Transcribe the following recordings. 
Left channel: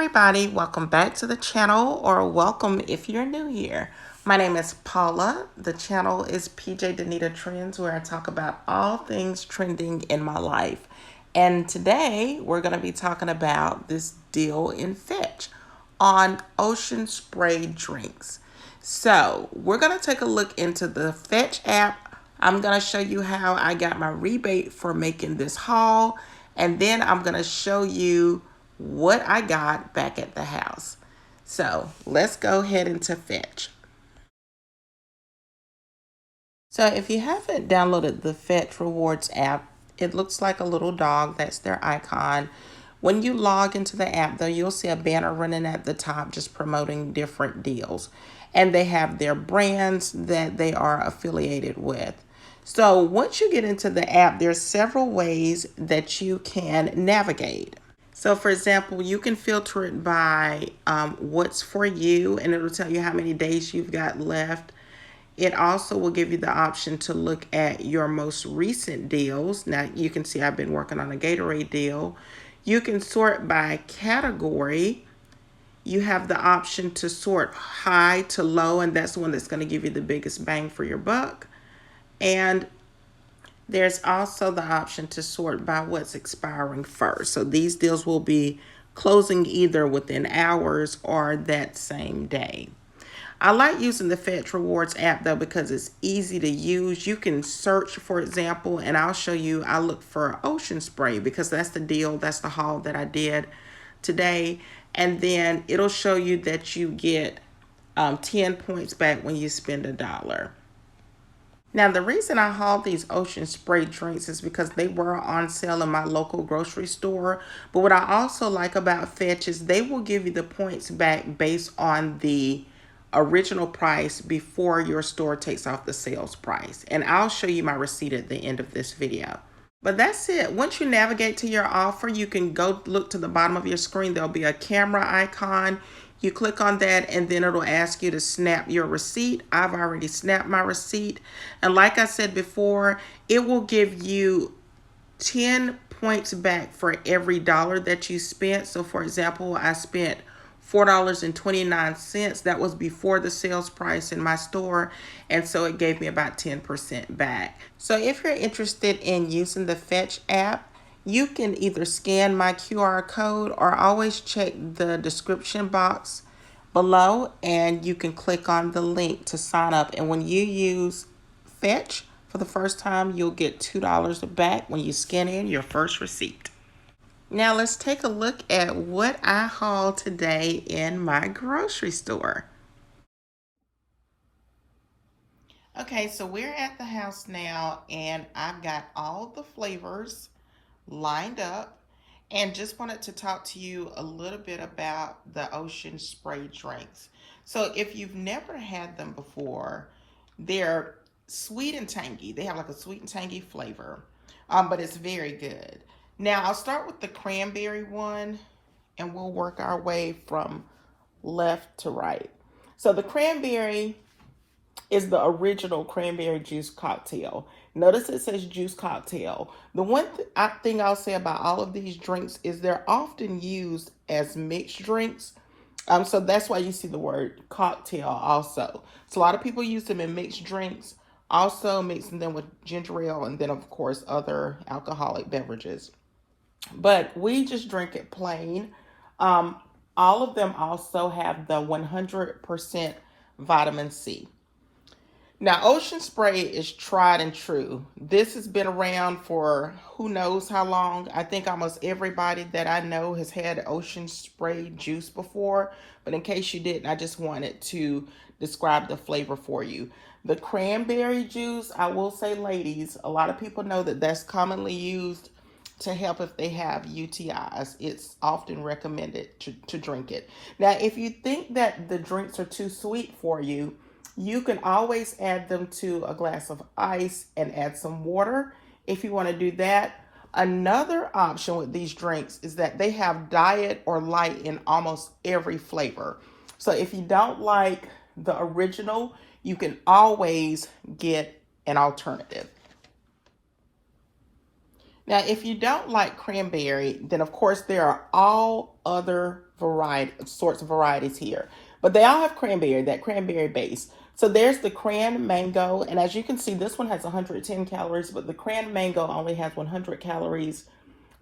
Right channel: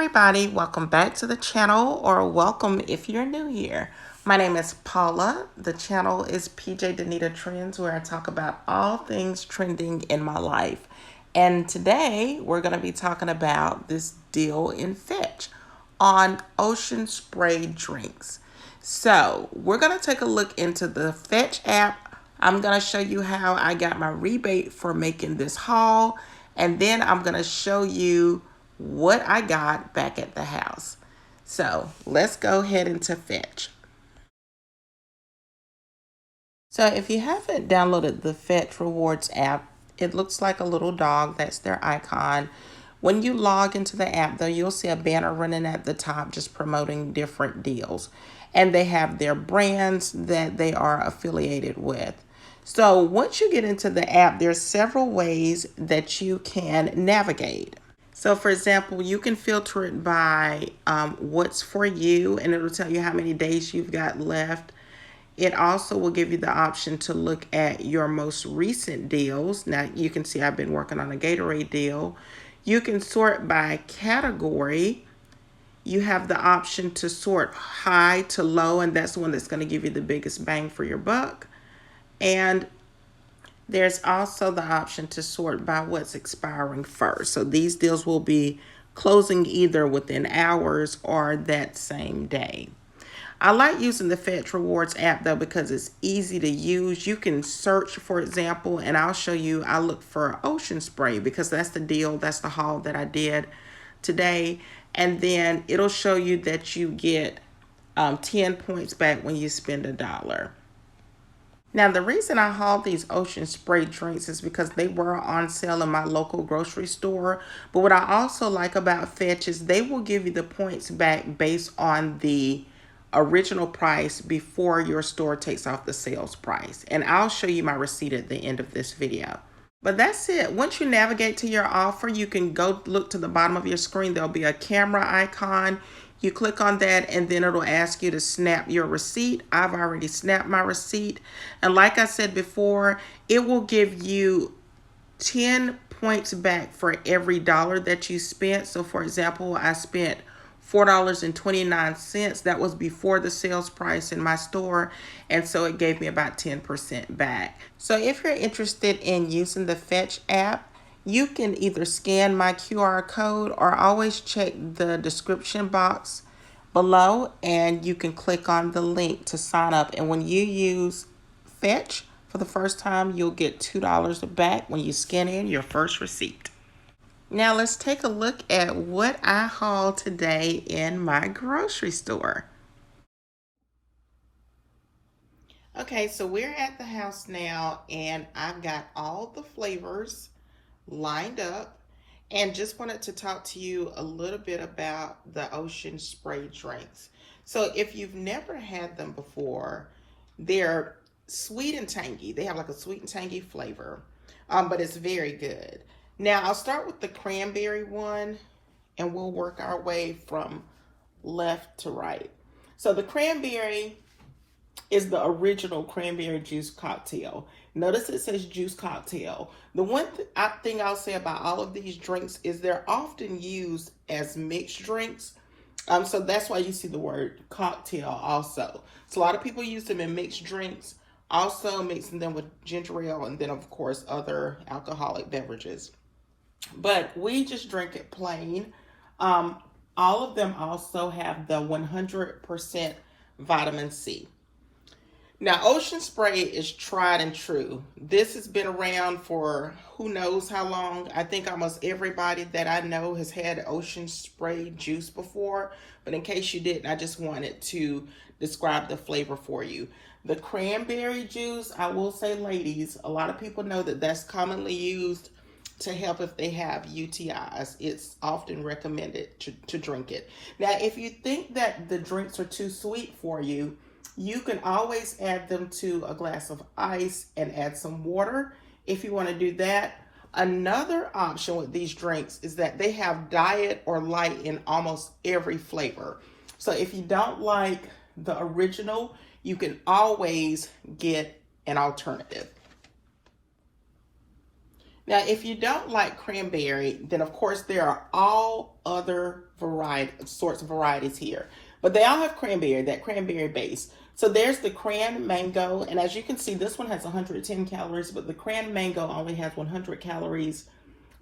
everybody, welcome back to the channel, or welcome if you're new here. My name is Paula. The channel is PJ Danita Trends, where I talk about all things trending in my life. And today we're going to be talking about this deal in Fetch on ocean spray drinks. So we're going to take a look into the Fetch app. I'm going to show you how I got my rebate for making this haul, and then I'm going to show you what I got back at the house. So let's go ahead into Fetch. So if you haven't downloaded the Fetch Rewards app, it looks like a little dog. That's their icon. When you log into the app, though, you'll see a banner running at the top just promoting different deals. And they have their brands that they are affiliated with. So once you get into the app, there's several ways that you can navigate. So for example, you can filter it by what's for you, and it'll tell you how many days you've got left. It also will give you the option to look at your most recent deals. Now you can see I've been working on a Gatorade deal. You can sort by category. You have the option to sort high to low, and that's the one that's going to give you the biggest bang for your buck. And there's also the option to sort by what's expiring first. So these deals will be closing either within hours or that same day. I like using the Fetch Rewards app though because it's easy to use. You can search, for example, and I'll show you, I look for ocean spray because that's the deal, that's the haul that I did today. And then it'll show you that you get 10 points back when you spend $1. Now, the reason I hauled these ocean spray drinks is because they were on sale in my local grocery store. But what I also like about Fetch is they will give you the points back based on the original price before your store takes off the sales price. And I'll show you my receipt at the end of this video. But that's it. Once you navigate to your offer, you can go look to the bottom of your screen. There'll be a camera icon. You click on that and then it'll ask you to snap your receipt. I've already snapped my receipt. And like I said before, it will give you 10 points back for every dollar that you spent. So for example, I spent $4.29. That was before the sales price in my store. And so it gave me about 10% back. So if you're interested in using the Fetch app, you can either scan my QR code or always check the description box below and you can click on the link to sign up. And when you use Fetch for the first time, you'll get $2 back when you scan in your first receipt. Now let's take a look at what I hauled today in my grocery store. Okay, so we're at the house now and I've got all the flavors lined up and just wanted to talk to you a little bit about the ocean spray drinks. So if you've never had them before, they're sweet and tangy. They have like a sweet and tangy flavor, but it's very good. Now I'll start with the cranberry one and we'll work our way from left to right. So the cranberry is the original cranberry juice cocktail. Notice it says juice cocktail. The one thing I'll say about all of these drinks is they're often used as mixed drinks. So that's why you see the word cocktail also. So a lot of people use them in mixed drinks, also mixing them with ginger ale and then of course other alcoholic beverages. But we just drink it plain. All of them also have the 100% vitamin C. Now, ocean spray is tried and true. This has been around for who knows how long. I think almost everybody that I know has had ocean spray juice before. But in case you didn't, I just wanted to describe the flavor for you. The cranberry juice, I will say, ladies, a lot of people know that that's commonly used to help if they have UTIs. It's often recommended to drink it. Now, if you think that the drinks are too sweet for you, you can always add them to a glass of ice and add some water if you want to do that. Another option with these drinks is that they have diet or light in almost every flavor. So if you don't like the original, you can always get an alternative. Now, if you don't like cranberry, then of course there are all other sorts of varieties here. But they all have cranberry, that cranberry base. So there's the cran mango, and as you can see, this one has 110 calories, but the cran mango only has 100 calories.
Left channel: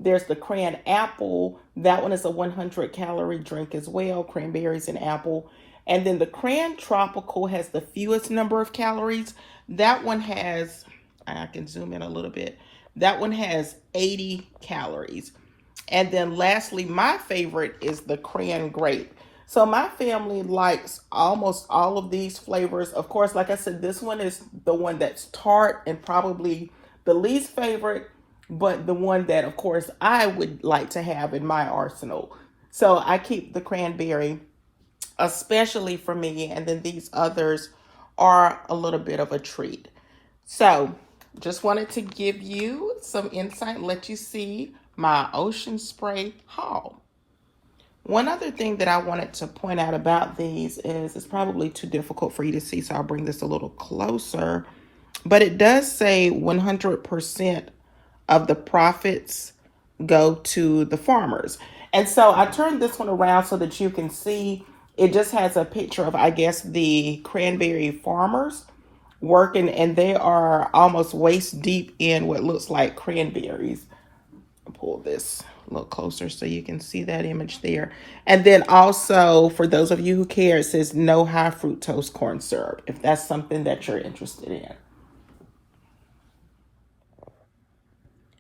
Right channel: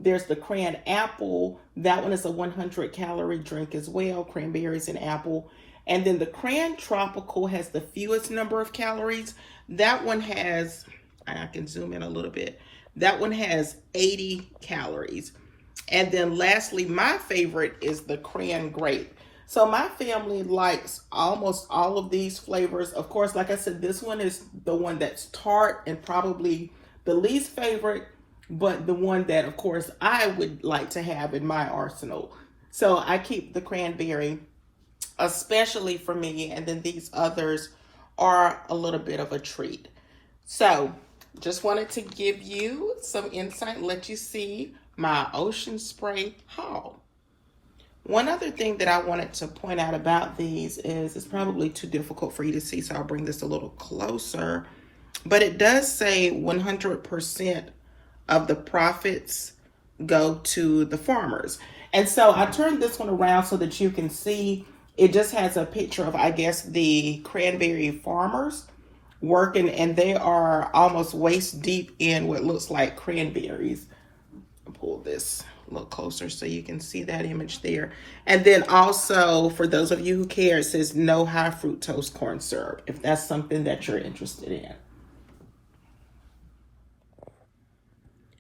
There's the cran apple. That one is a 100 calorie drink as well, cranberries and apple. And then the cran tropical has the fewest number of calories. That one has, I can zoom in a little bit. That one has 80 calories. And then lastly, my favorite is the cran grape. So my family likes almost all of these flavors. Of course, like I said, this one is the one that's tart and probably the least favorite, but the one that, of course, I would like to have in my arsenal. So I keep the cranberry, especially for me, and then these others are a little bit of a treat. So just wanted to give you some insight and let you see my ocean spray haul. One other thing that I wanted to point out about these is it's probably too difficult for you to see, so I'll bring this a little closer. But it does say 100% of the profits go to the farmers. And so I turned this one around so that you can see it just has a picture of, I guess, the cranberry farmers working, and they are almost waist deep in what looks like cranberries. I'll pull this a little closer so you can see that image there. And then also, for those of you who care, it says no high fructose corn syrup, if that's something that you're interested in.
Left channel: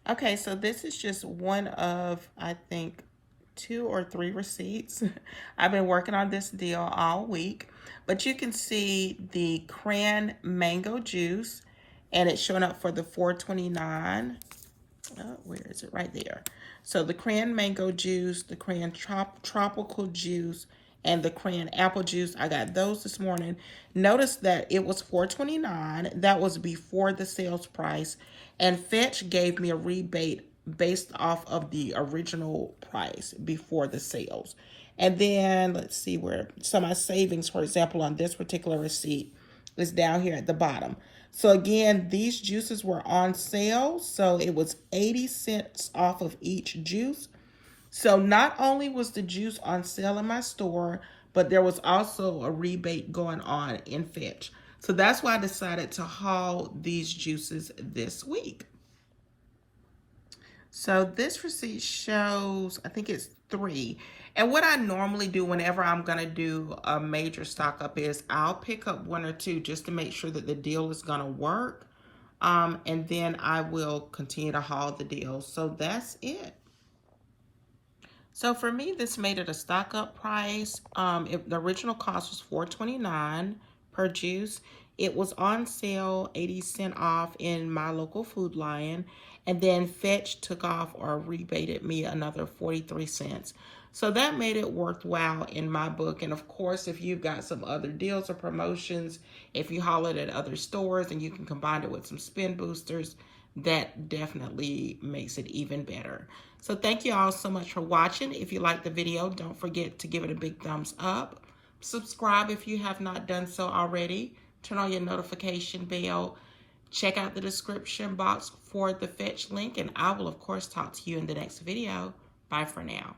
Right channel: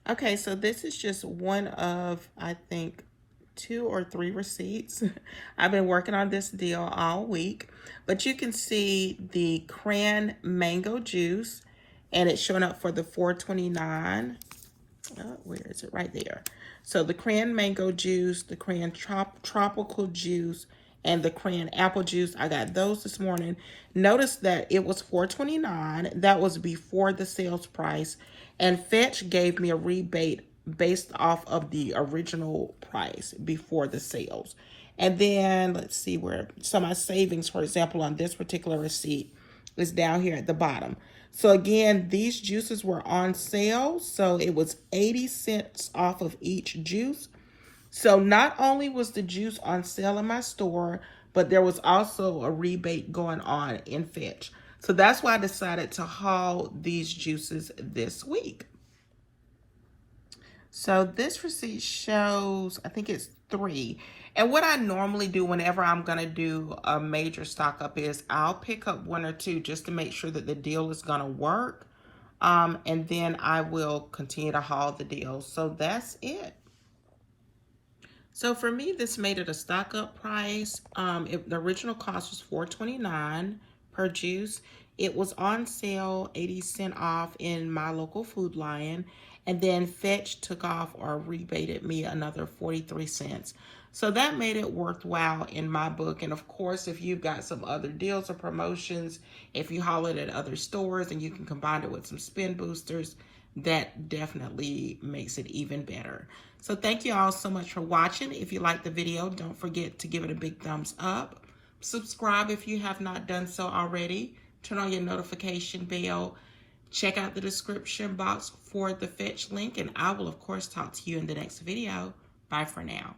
Okay, so this is just one of, I think, 2 or 3 receipts. I've been working on this deal all week, but you can see the cran mango juice, and it's showing up for the $4.29. Where is it? Right there. So the cran mango juice, the cran tropical juice, and the cran apple juice, I got those this morning. Notice that it was $4.29. That was before the sales price. And Fetch gave me a rebate based off of the original price before the sales. And then let's see where, so my savings, for example, on this particular receipt is down here at the bottom. So again, these juices were on sale. So it was 80 cents off of each juice. So not only was the juice on sale in my store, but there was also a rebate going on in Fetch. So that's why I decided to haul these juices this week. So this receipt shows, I think it's 3. And what I normally do whenever I'm going to do a major stock up is I'll pick up 1 or 2 just to make sure that the deal is going to work. And then I will continue to haul the deal. So that's it. So for me, this made it a stock up price. The original cost was $4.29 per juice. It was on sale, 80 cents off in my local Food Lion. And then Fetch took off or rebated me another 43 cents. So that made it worthwhile in my book. And of course, if you've got some other deals or promotions, if you haul it at other stores and you can combine it with some spin boosters, that definitely makes it even better. So thank you all so much for watching. If you liked the video, don't forget to give it a big thumbs up. Subscribe if you have not done so already. Turn on your notification bell. Check out the description box for the Fetch link, and I will, of course, talk to you in the next video. Bye for now.